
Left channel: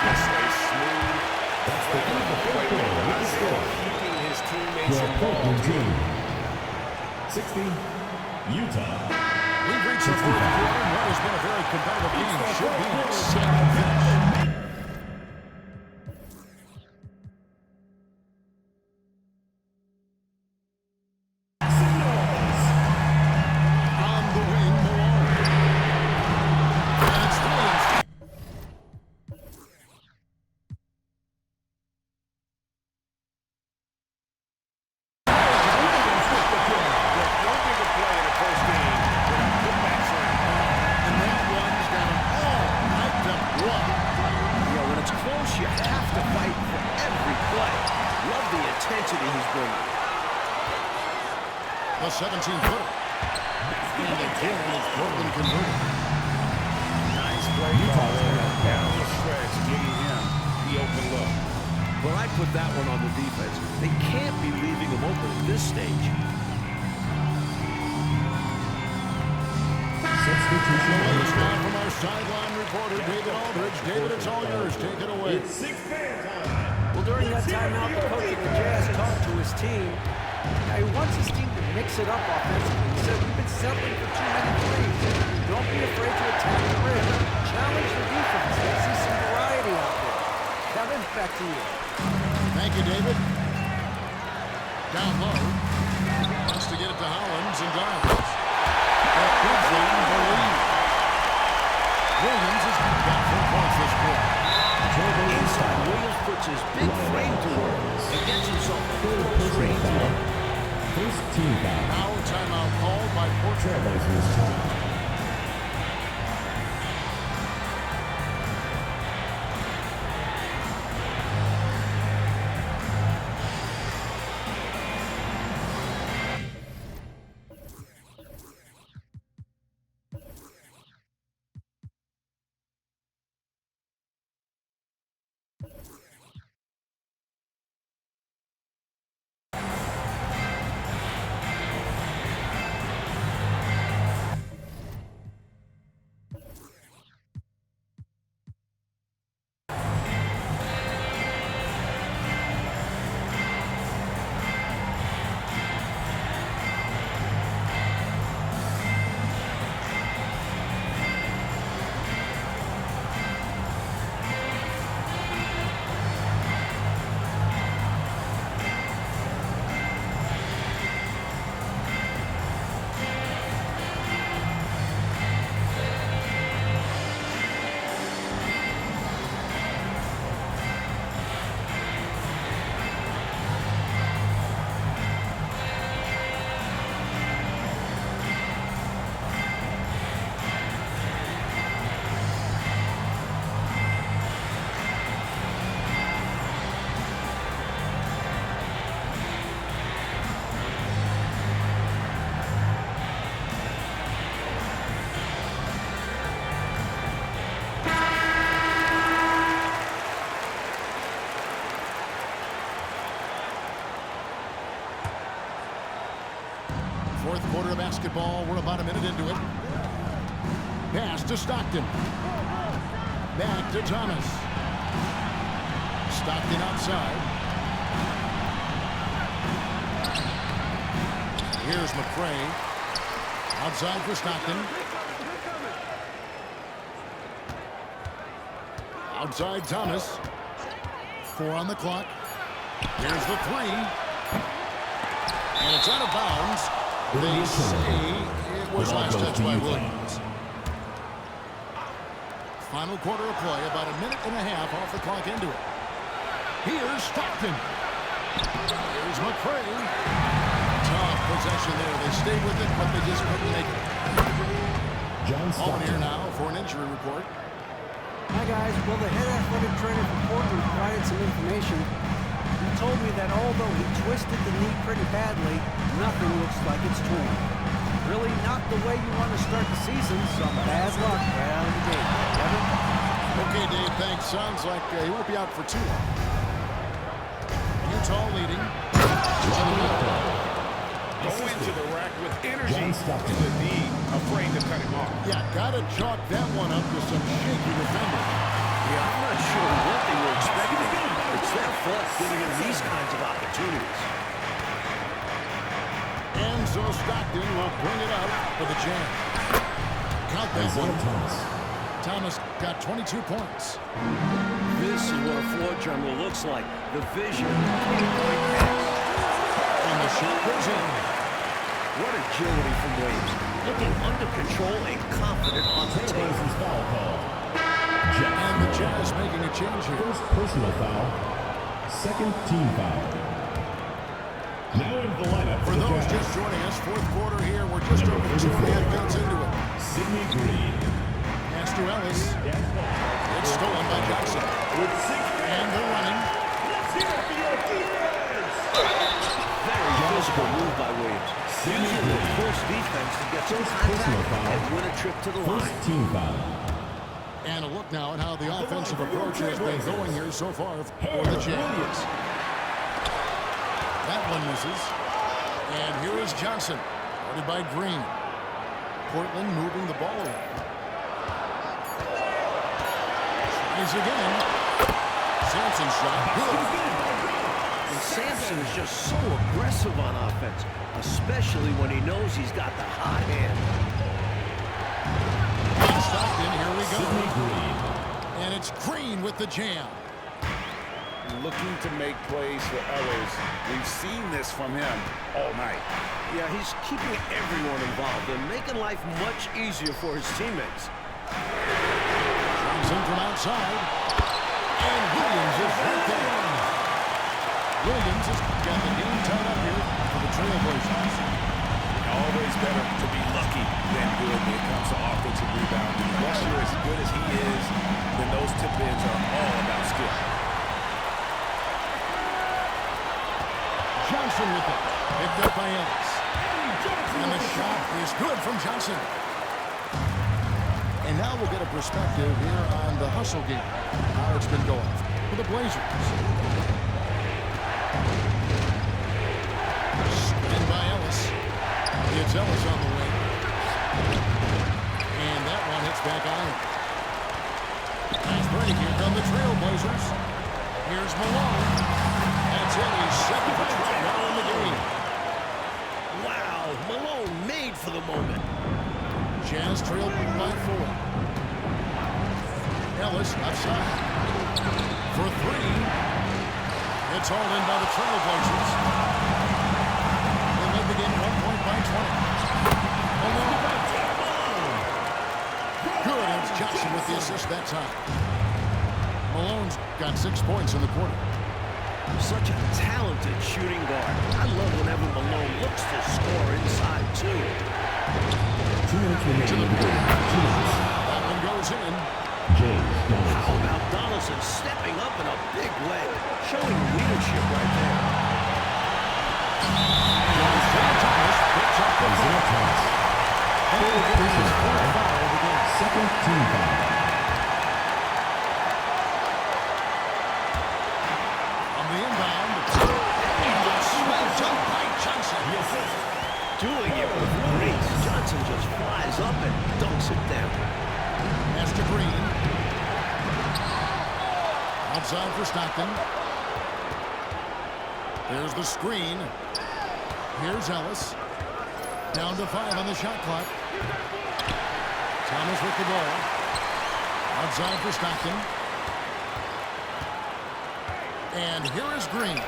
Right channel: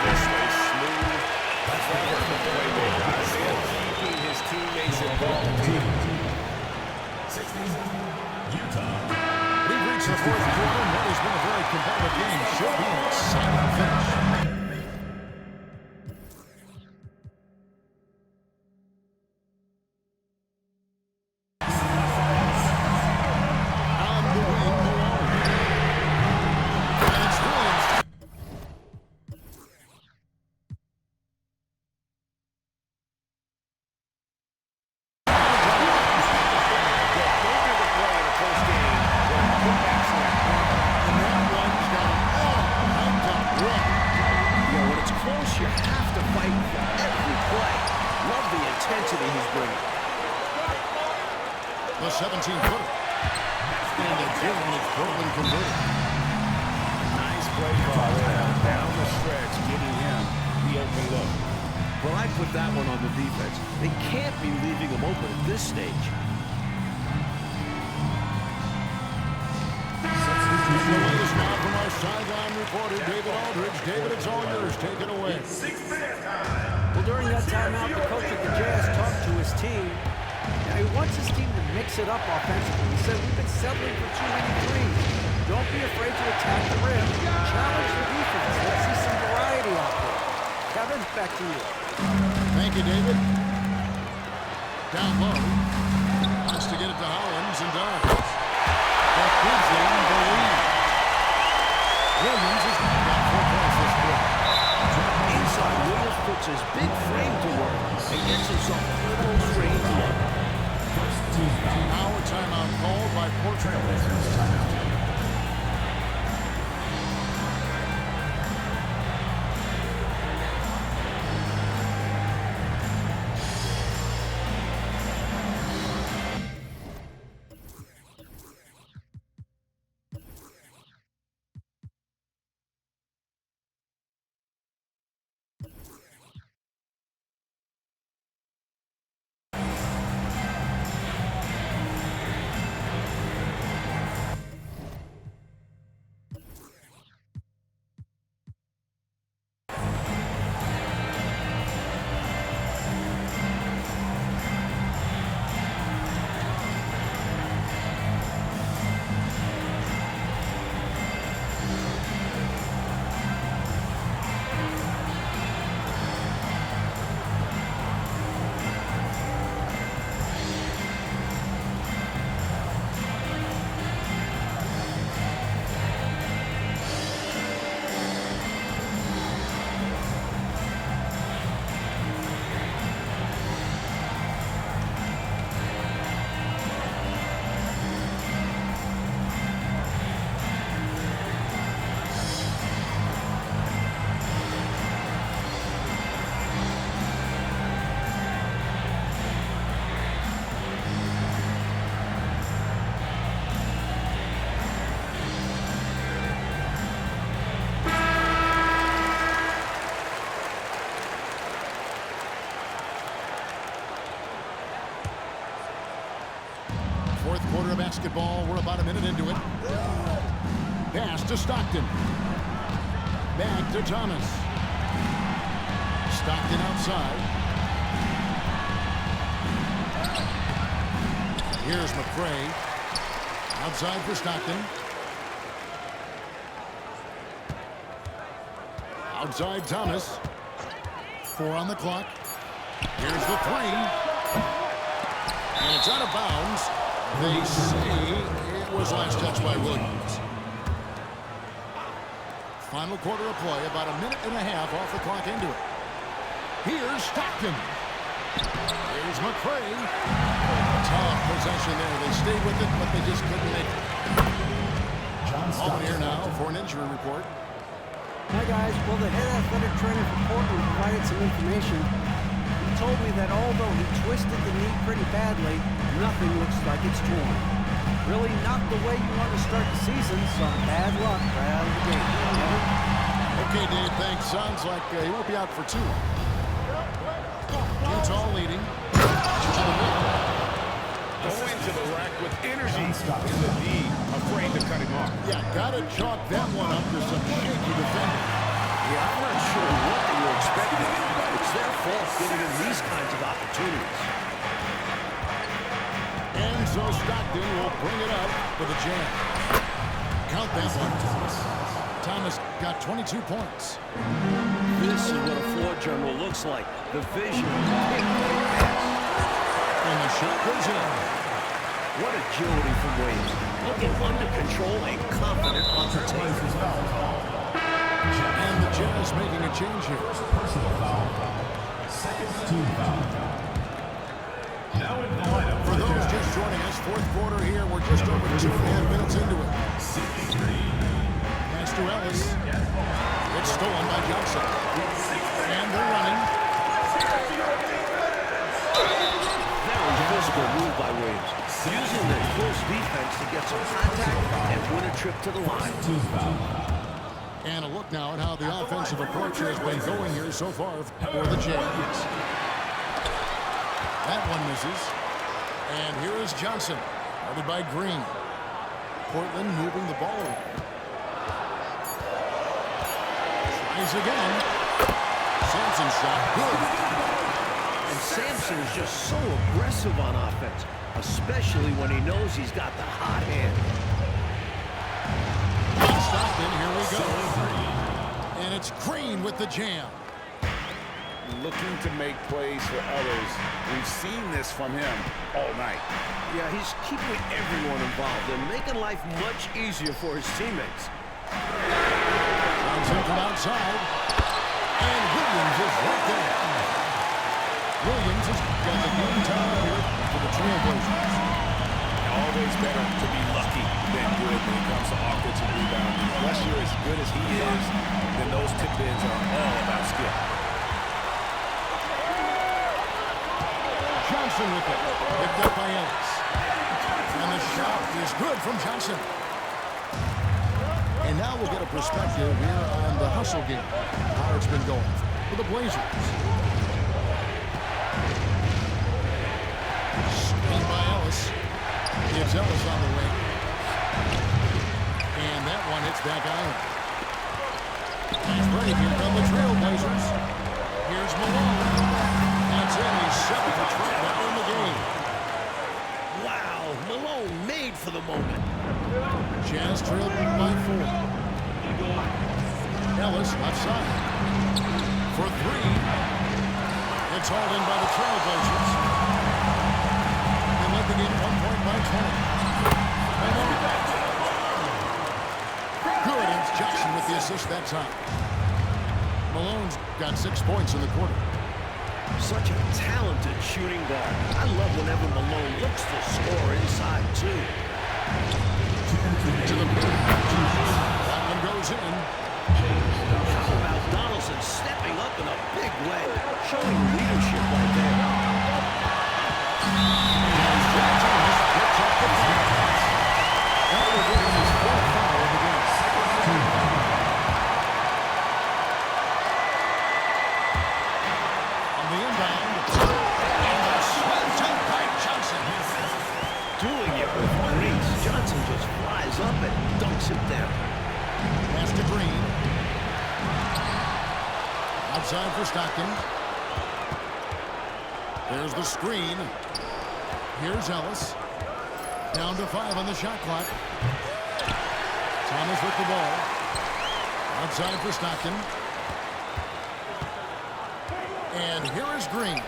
Just a smooth, clever playmaker. Isaiah keeping his teammates involved here. 60, Utah. We've reached the fourth quarter, and what has been a very competitive game should be an exciting finish. You have to fight for every play. Love the intensity he's bringing. The 17-footer. And again, it's Portland converted. Nice play call there. down the stretch, getting him the open look. Well, I put that one on the defense. They can't be leaving him open at this stage. The latest now from our sideline reporter, David Aldridge. David, it's all yours. Take it away. Well, during that timeout, the coach of the Jazz talked to his team. Now, he wants his team to mix it up offensively. He said, we've been settling for too many threes. Don't be afraid to attack the rim. Challenge the defense. Let's see some variety out there. Kevin, back to you. Thank you, David. Down low. Wants to get it to Hollins and does. That gives them the lead. Williams has got 4 points this quarter. Inside, Williams puts his big frame to work and gets himself a close range look. First team foul. Now a timeout called by Portland. Trailblazers timeout. Fourth quarter of basketball. We're about a minute into it. Pass to Stockton. Back to Thomas. Stockton outside. Here's McCray. Outside for Stockton. Outside Thomas. 4 on the clock. Here's the 3. And it's out of bounds. They say it was last touched by Williams. Final quarter of play, about a minute and a half off the clock into it. Here's Stockton. Here's McCray. Tough possession there. They stayed with it, but they just couldn't make it. Ballman here now for an injury report. Hi, guys. Well, the head athletic trainer for Portland provided some information. He told me that although he twisted the knee pretty badly, nothing looks like it's torn. Really not the way you want to start the season. Some bad luck right out of the gate. Kevin? Okay, Dave, thanks. Sounds like he won't be out for too long. Utah leading. To the middle. Go into the rack with energy in the D, afraid to cut him off. Yeah, gotta chalk that one up to some shaky defending. Yeah, I'm not sure what they were expecting. It's their fault giving them these kinds of opportunities. And so Stockton will bring it up for the jam. Count that one. Thomas got 22 points. This is what a floor general looks like. The vision, pinpoint pass. And the shot goes in. What agility from Williams. Looking under control and confident on the tape. Foul call. And the Jazz making a change here. First personal foul. Second team foul. Now in the lineup For those just joining us, fourth quarter here. We're just over 2.5 minutes into it. Sidney Green. Pass to Ellis. It's stolen by Johnson. And they're running. Very physical move by Williams. Using the close defense to get some contact and win a trip to the line. Team foul. And a look now at how the offensive approach has been going here so far for the Jazz. That one misses. And here is Johnson, guarded by Green. Portland moving the ball around. Tries again. Sampson's shot, good. And Sampson is just so aggressive on offense, especially when he knows he's got the hot hand. Stockton, here we go. And it's Green with the jam. Looking to make plays for others. We've seen this from him all night. Yeah, he's keeping everyone involved and making life much easier for his teammates. Johnson from outside. And Williams is right there. Williams has got the game tied up here for the Trailblazers. Always better to be lucky than good when it comes to offensive rebounding. Unless you're as good as he is, then those tip-ins are all about skill. Johnson with it. Picked up by Ellis. And the shot is good from Johnson. And now we'll get a perspective here on the hustle game. How it's been going for the Blazers. Screen by Ellis. It's Ellis on the wing. And that one hits back iron. Nice break. Here come the Trailblazers. Here's Malone. That's it. He's 7 for 12 now in the game. Wow, Malone made for the moment. Jazz trailed by 4. Ellis left side. For 3. It's hauled in by the Trailblazers. They led the game 1 point by 20. Malone. Good. It's Johnson with the assist that time. Malone's got 6 points in the quarter. Such a talented shooting guard. I love whenever Malone looks to score inside, too. To the paint. That one goes in. How about Donaldson stepping up in a big way, showing leadership right there. And Isaiah Thomas picks up the foul. That will give him his 4th foul of the game. Second team foul. On the inbound. And the slam dunk by Johnson. Doing it with grace. Johnson just flies up and dunks it down. Pass to Green. Outside for Stockton. There's the screen. Here's Ellis. Down to 5 on the shot clock. Thomas with the ball. Outside for Stockton. And here is Green.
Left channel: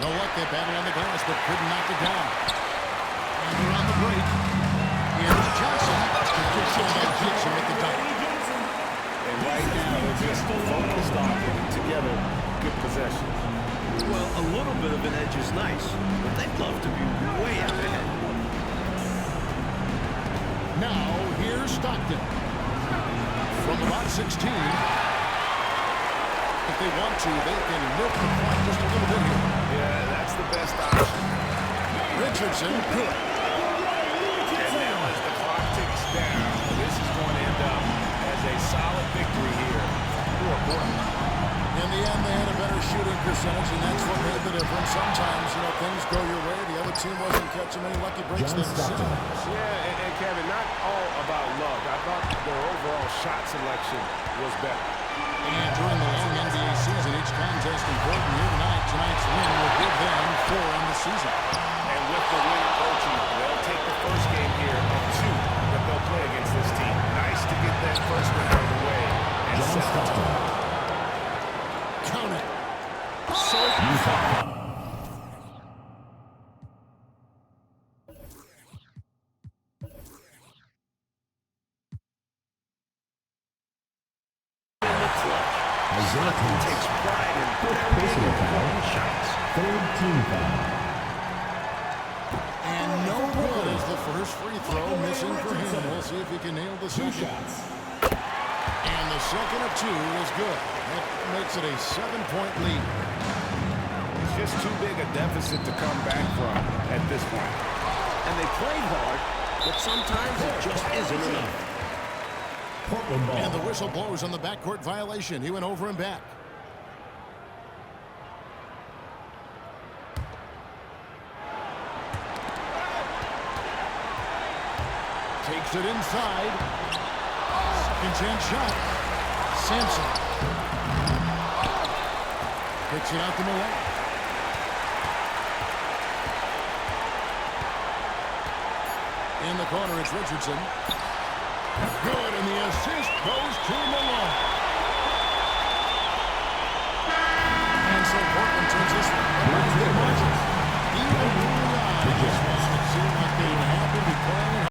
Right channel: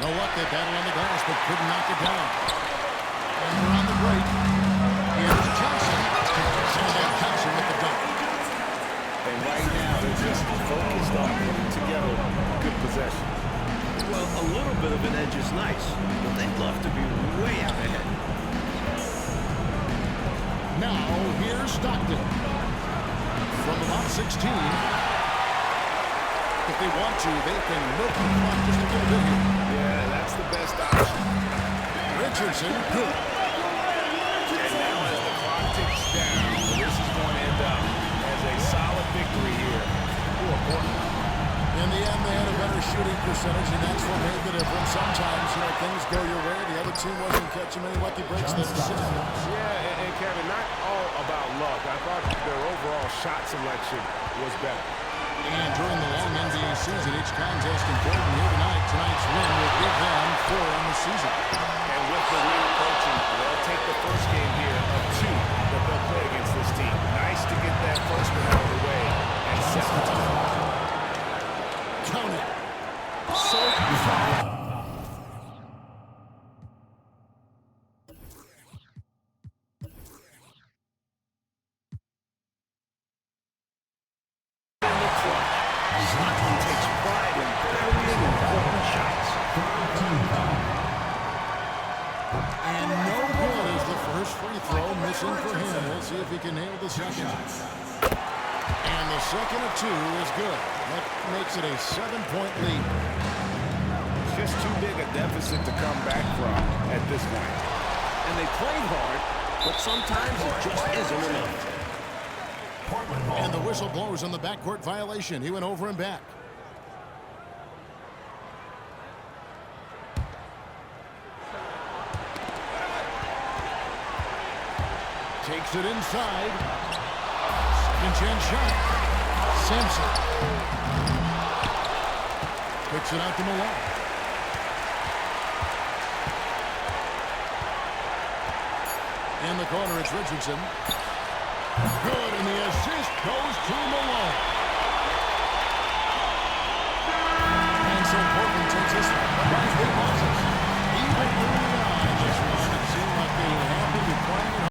No luck, they battled on the glass, but couldn't knock it down. And we're on the break. Here's Johnson. And then Johnson with the dunk. And right now, they're just focused on putting together good possessions. Well, a little bit of an edge is nice, but they'd love to be way out ahead. Now, here's Stockton. From about 16. If they want to, they can milk the clock just a little bit here. Yeah, that's the best option. Richardson, good. And now as the clock ticks down, this is going to end up as a solid victory here for Portland. In the end, they had a better shooting percentage, and that's what made the difference. Sometimes, things go your way. The other team wasn't catching many lucky breaks themselves. Yeah, and Kevin, not all about luck. I thought their overall shot selection was better. And during the long NBA season, each contest important here tonight. Tonight's win will give them 4 on the season. And with the win approaching, they'll take the first game here of 2 that they'll play against this team. Nice to get that first one out of the way and set the tone. Count it. So far. In the clutch. Stockton takes pride in burying important shots. Third team foul. And no good as the first free throw missing for him. We'll see if he can nail the second. And the second of 2 is good. That makes it a 7-point lead. Just too big a deficit to come back from at this point. And they played hard, but sometimes it just isn't enough. Portland ball. And the whistle blows on the backcourt violation. He went over and back. Takes it inside. Second chance shot. Sampson. Kicks it out to Malone. In the corner, it's Richardson. Good, and the assist goes to Malone. And so Portland takes this one, but by a big margin. Even early on in this one, it seemed like they were happy to be playing at